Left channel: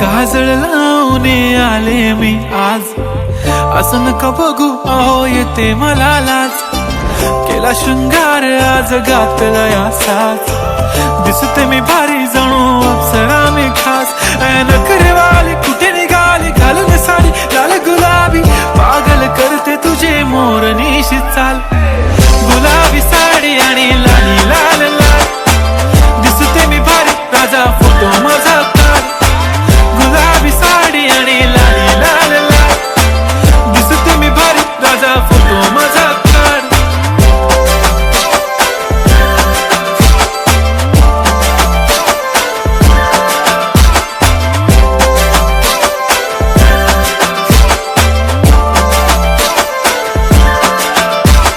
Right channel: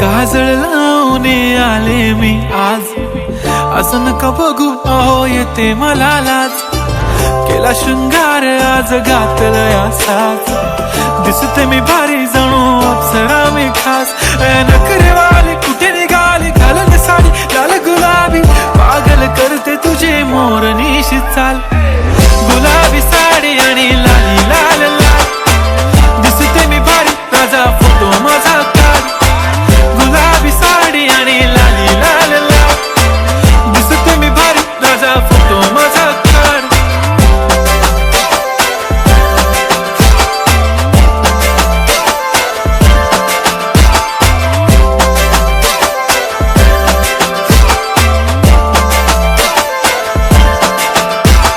काजळ लावून आले मी आज, असं नका बघू अहो येते मला लाज. केला शृंगार आज घातला असाच, दिसते मी भारी जणू अप्सरा मी खास. नखरेवाली कुठे निघाली घालून साडी लाल गुलाबी, पागल करते तुझे मोरनीशी चाल. गुलाबी साडी आणि लाली लाल लाल, दिसते मी भारी राजा फोटो माझा काढ. गुलाबी साडी आणि लाली लाल लाल, दिसते मी भारी राजा फोटो माझा काढ.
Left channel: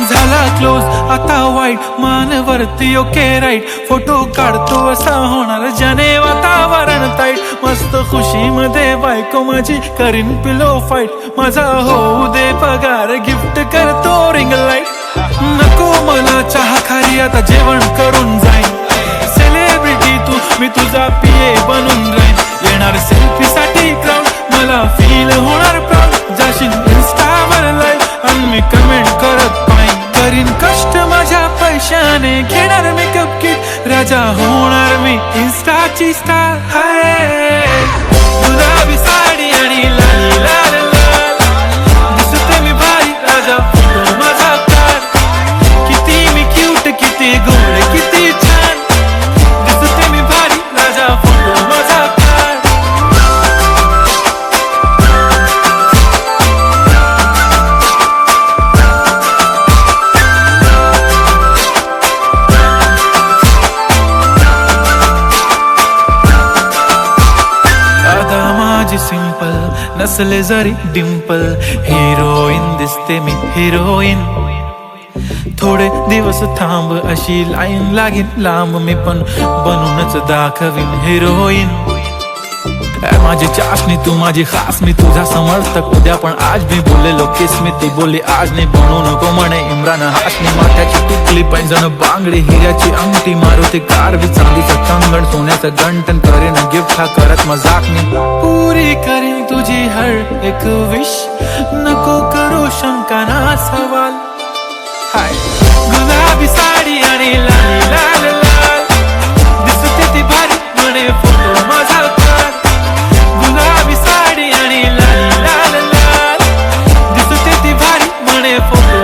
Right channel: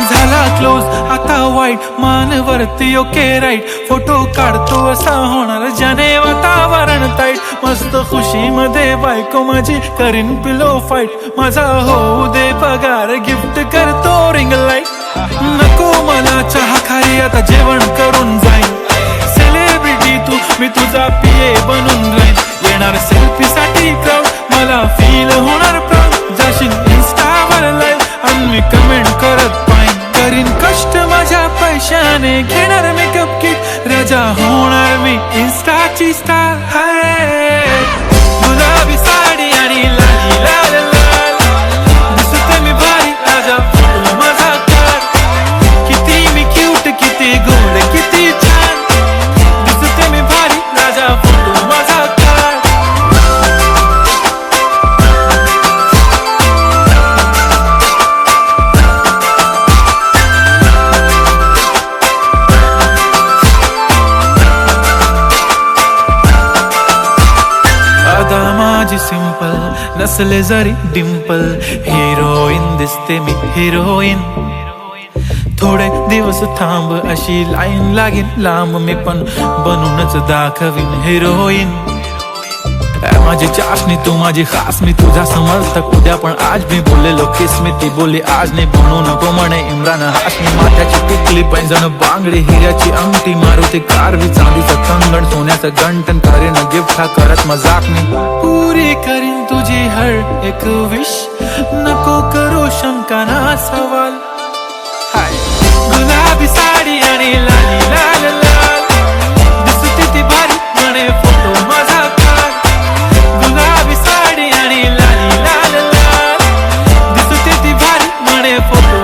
झाला क्लोज आता वाईट, मानवरती ओके राईट. फोटो काढतो असा होणार ज्याने वातावरण ताईट. मस्त खुशी मध्ये बायको माझी करीन पिलो फाईट. माझा होऊ दे पगार गिफ्ट करतो रिंग लाईट. नको मला चहा खारी आता जेवण करून जाईन. सेलिब्रिटी तू मी तुझा पिये बनून राहीन. येणार सेल्फी साठी क्राऊड मला फील होणार प्राऊड. जाशील इन्स्टावर लाईव्ह आणि मी कमेंट करत पाईन. करीन कष्ट माझ्या पैशाने घेणार मेकअप किट. राजा होणार मी इन्स्टाची स्टार. हाय गुलाबी साडी आणि लाली लाल लाल, दिसते मी भारी राजा फोटो माझा काढ. किती मी क्यूट किती गोड किती छान, दिसते मी भारी राजा फोटो माझा काढ. आता माझी सिंपल नसले जरी डिंपल, हिरोईन दिसते मी हिरोईन. थोडे दिवस थांब अशी लाईन लागेल लांब, मी पण बनूनच दाखवीन हिरोईन. माझी चाशनी तू माझी खास, मी तुझा समर्थक उद्या पण आज. मी बोललेलो किस मी ती बोलली आज नाही. बनू नको म्हणे इम्रान हाशमी. माथ्याची टिकली पैंजण बांगडी, हिऱ्याची अंगठी, मारुती कारवी, चांदीचं कंगण, सोन्याचं गंटन. करीन गिफ्ट हा करत मजाकनी. पुरी करीन तुझी हर एक विश, नको करू शंका ना सवाल. हाय गुलाबी साडी आणि लाली लाल लाल, दिसते ती भारी म्हणे फोटो माझा काढ. गुलाबी साडी आणि लाली लाल लाल, दिसते ती भारी म्हणे फोटो